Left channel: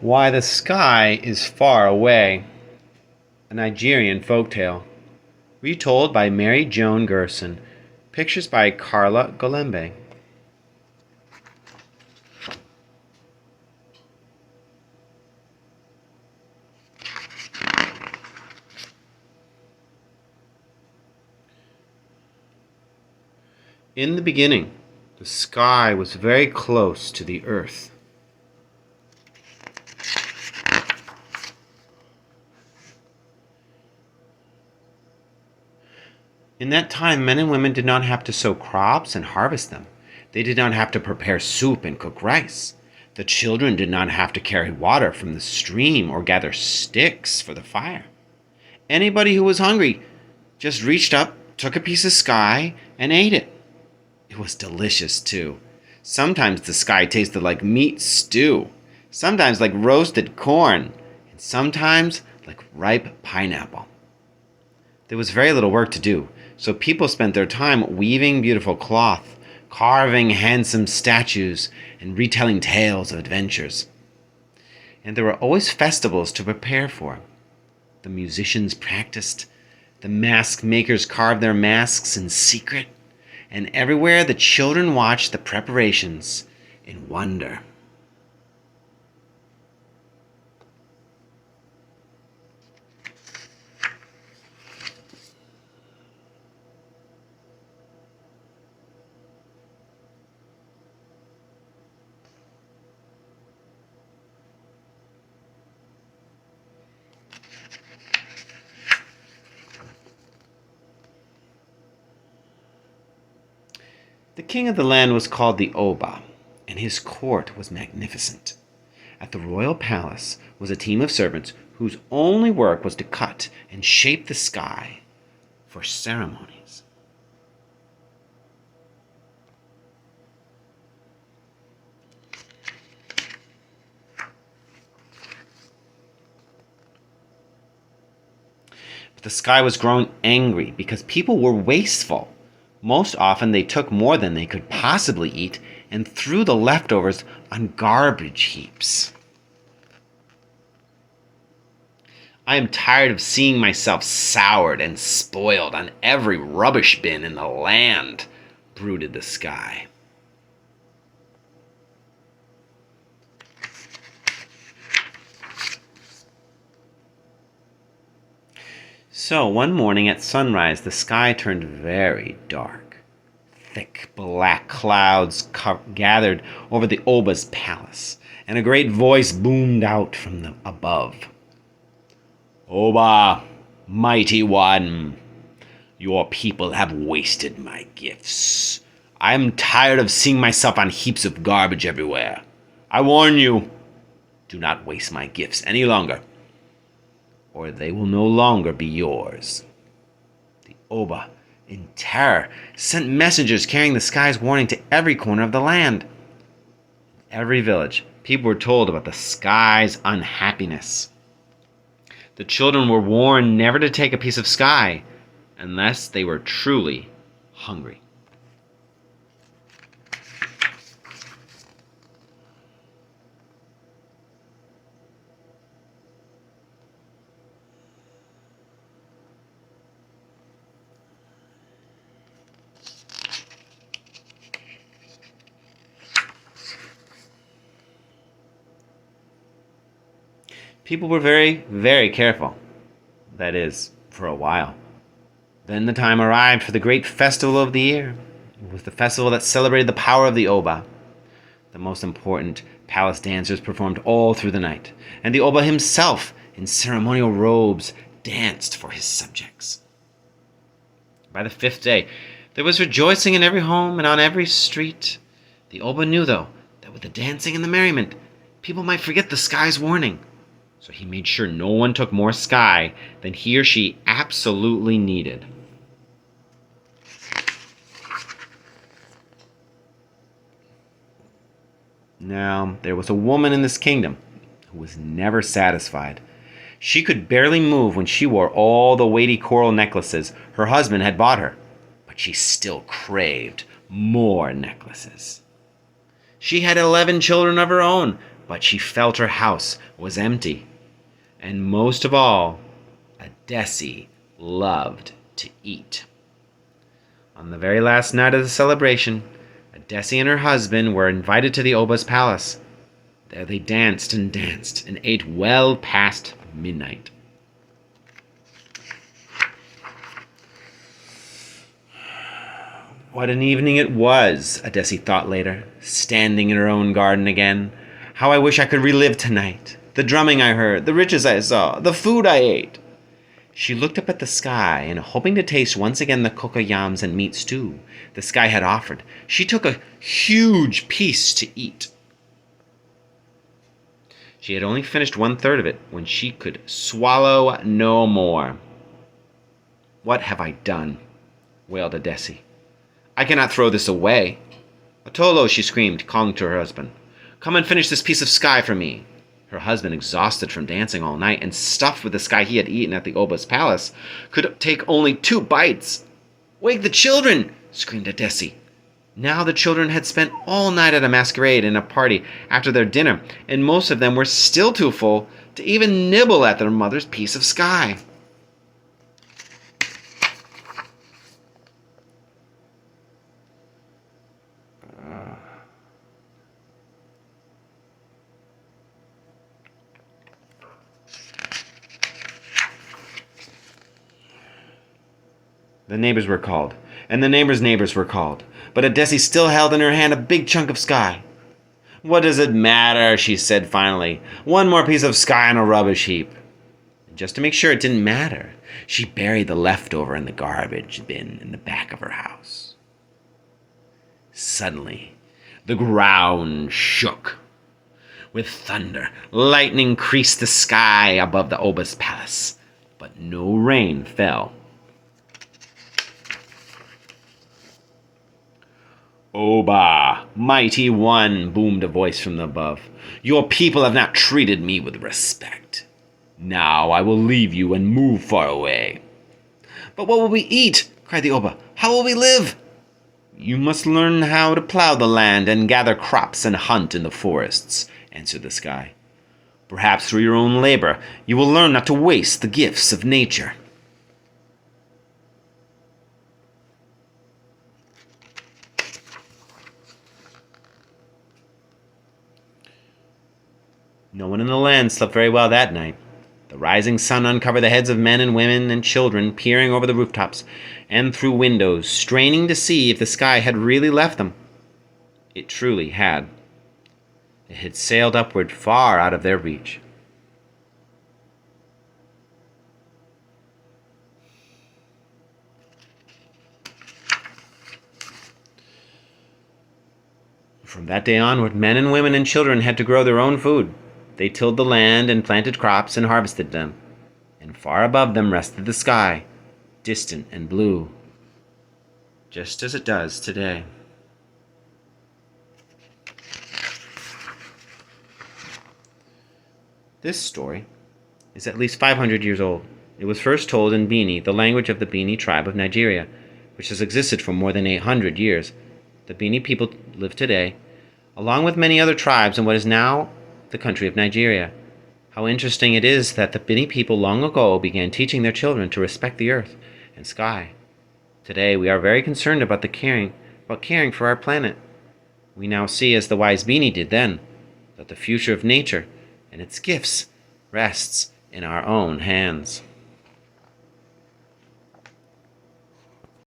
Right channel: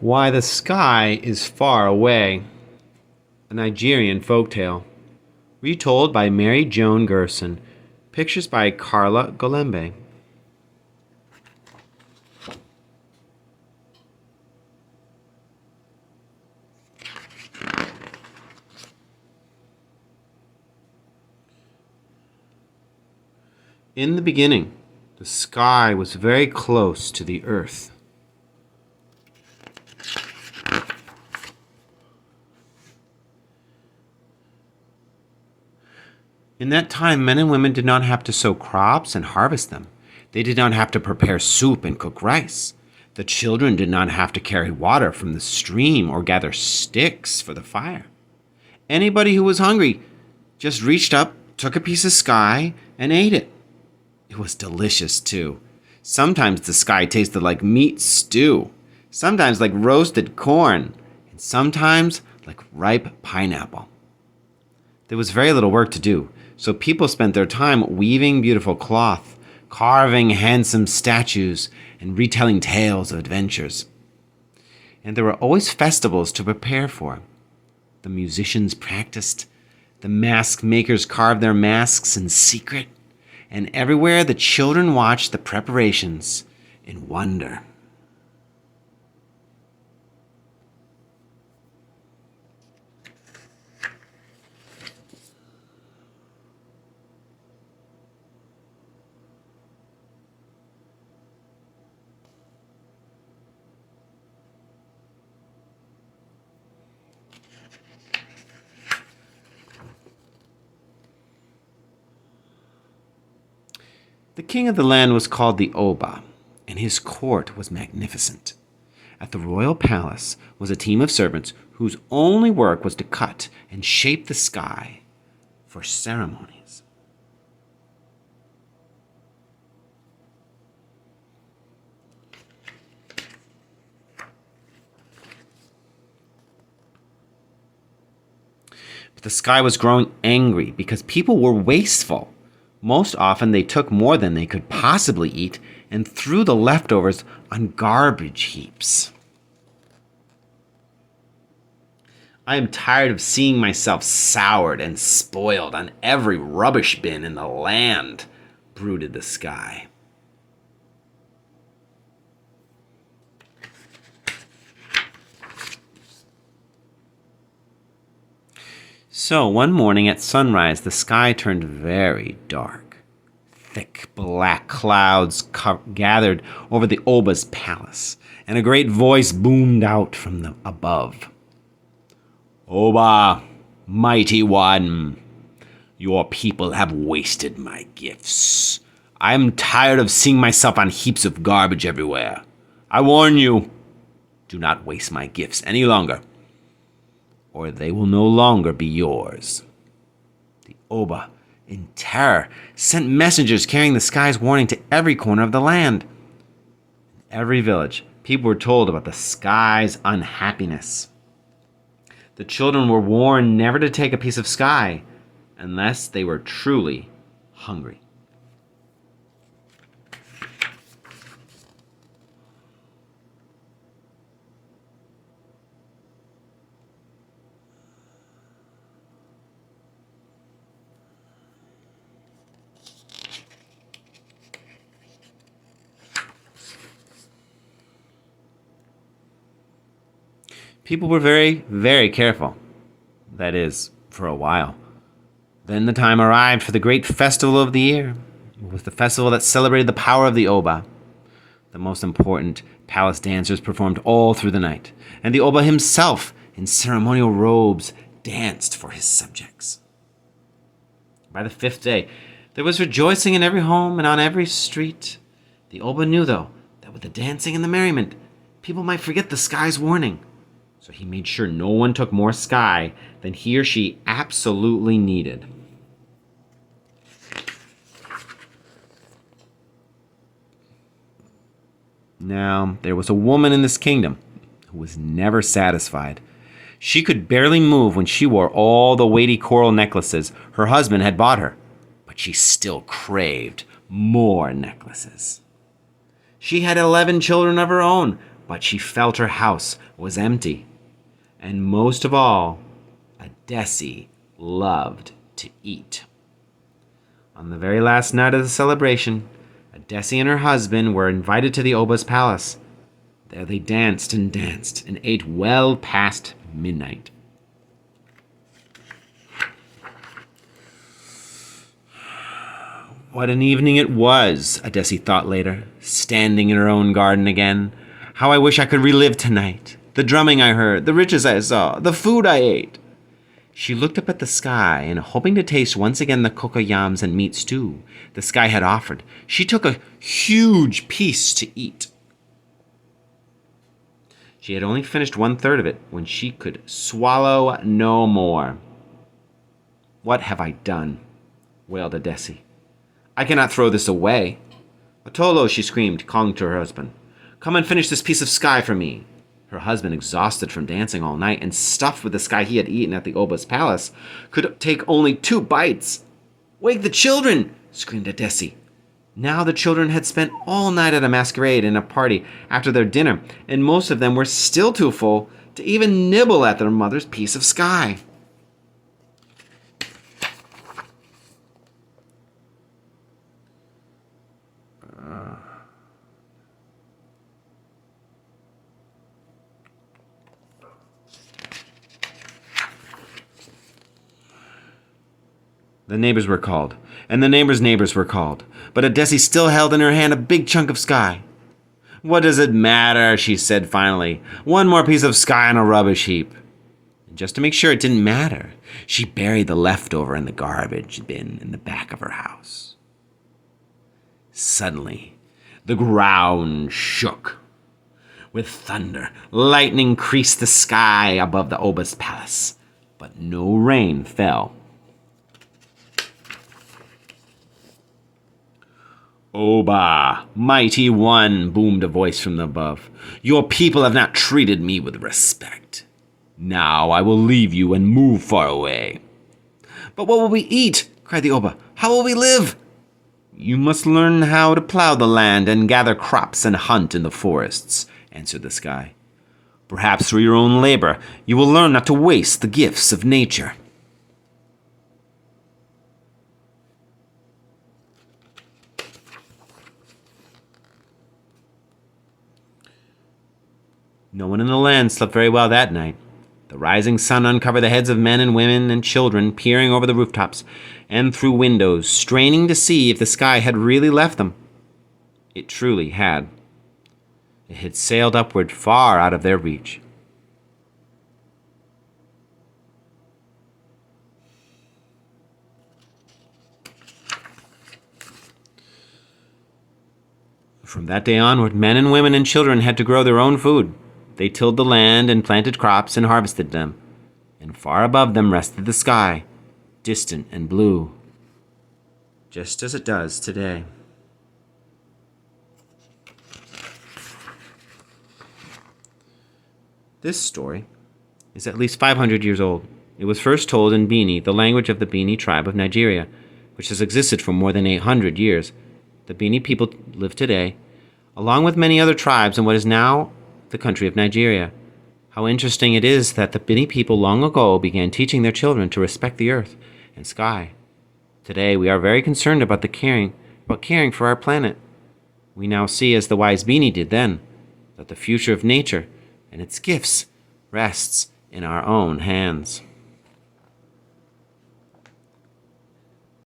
Why the Sky is Far Away, a Nigerian folktale, retold by Mary Joan Gerson, pictures by Carla Golembe. In the beginning, the sky was very close to the earth. In that time, men and women did not have to sow crops and harvest them. They did not have to prepare soup and cook rice. The children did not have to carry water from the stream or gather sticks for the fire. Anybody who was hungry just reached up, took a piece of sky, and ate it. It was delicious, too. Sometimes the sky tasted like meat stew, sometimes like roasted corn, and sometimes like ripe pineapple. There was very little work to do, so people spent their time weaving beautiful cloth, carving handsome statues, and retelling tales of adventures. And there were always festivals to prepare for. The musicians practiced, the mask makers carved their masks in secret, and everywhere the children watched the preparations in wonder. The king of the land was called the Oba, and his court was magnificent. At the royal palace was a team of servants whose only work was to cut and shape the sky for ceremonies. But the sky was growing angry because people were wasteful. Most often they took more than they could possibly eat and threw the leftovers on garbage heaps. I am tired of seeing myself soured and spoiled on every rubbish bin in the land, brooded the sky. So one morning at sunrise, the sky turned very dark. Thick black clouds gathered over the Oba's palace, and a great voice boomed out from above. Oba, mighty one, your people have wasted my gifts. I am tired of seeing myself on heaps of garbage everywhere. I warn you, do not waste my gifts any longer, or they will no longer be yours. The Oba, in terror, sent messengers carrying the sky's warning to every corner of the land. In every village, people were told about the sky's unhappiness. The children were warned never to take a piece of sky unless they were truly hungry. People were very, very careful. That is, for a while. Then the time arrived for the great festival of the year. It was the festival that celebrated the power of the Oba. The most important palace dancers performed all through the night, and the Oba himself, in ceremonial robes, danced for his subjects. By the fifth day, there was rejoicing in every home and on every street. The Oba knew, though, that with the dancing and the merriment, people might forget the sky's warning. So he made sure no one took more sky than he or she absolutely needed. Now, there was a woman in this kingdom who was never satisfied. She could barely move when she wore all the weighty coral necklaces her husband had bought her, but she still craved more necklaces. She had 11 children of her own, but she felt her house was empty. And most of all, Adesi loved to eat. On the very last night of the celebration, Adesi and her husband were invited to the Oba's palace. There they danced and ate well past midnight. What an evening it was, Adesi thought later, standing in her own garden again. How I wish I could relive tonight. The drumming I heard, the riches I saw, the food I ate. She looked up at the sky, and hoping to taste once again the cocoyams and meat stew the sky had offered, she took a huge piece to eat. She had only finished 1/3 of it when she could swallow no more. "What have I done?" wailed Adesi. "I cannot throw this away." "Atolo," she screamed, calling to her husband. "Come and finish this piece of sky for me." Her husband, exhausted from dancing all night and stuffed with the sky he had eaten at the Oba's palace, could take only 2 bites. "Wake the children!" screamed Adesi. Now the children had spent all night at a masquerade and a party after their dinner, and most of them were still too full to even nibble at their mother's piece of sky. The neighbors were called, and the neighbors' neighbors were called, but Adesi still held in her hand a big chunk of sky. "What does it matter?" she said finally. "One more piece of sky on a rubbish heap." And just to make sure it didn't matter, she buried the leftover in the garbage bin in the back of her house. Suddenly, the ground shook. With thunder, lightning creased the sky above the Oba's palace, but no rain fell. "Oba, mighty one," boomed a voice from above. "Your people have not treated me with respect. Now I will leave you and move far away." "But what will we eat?" cried the Oba. "How will we live?" "You must learn how to plow the land and gather crops and hunt in the forests," answered the sky. "Perhaps through your own labor you will learn not to waste the gifts of nature." No one in the land slept very well that night. The rising sun uncovered the heads of men and women and children peering over the rooftops and through windows, straining to see if the sky had really left them. It truly had. It had sailed upward far out of their reach. From that day onward, men and women and children had to grow their own food. They tilled the land and planted crops and harvested them. And far above them rested the sky, distant and blue, just as it does today. This story is at least 500 years old. It was first told in Bini, the language of the Bini tribe of Nigeria, which has existed for more than 800 years. The Bini people live today, along with many other tribes in what is now the country of Nigeria. How interesting it is that the Bini people long ago began teaching their children to respect the earth and sky. Today we are very concerned about caring for our planet. We now see, as the wise Bini did then, that the future of nature and its gifts rests in our own hands.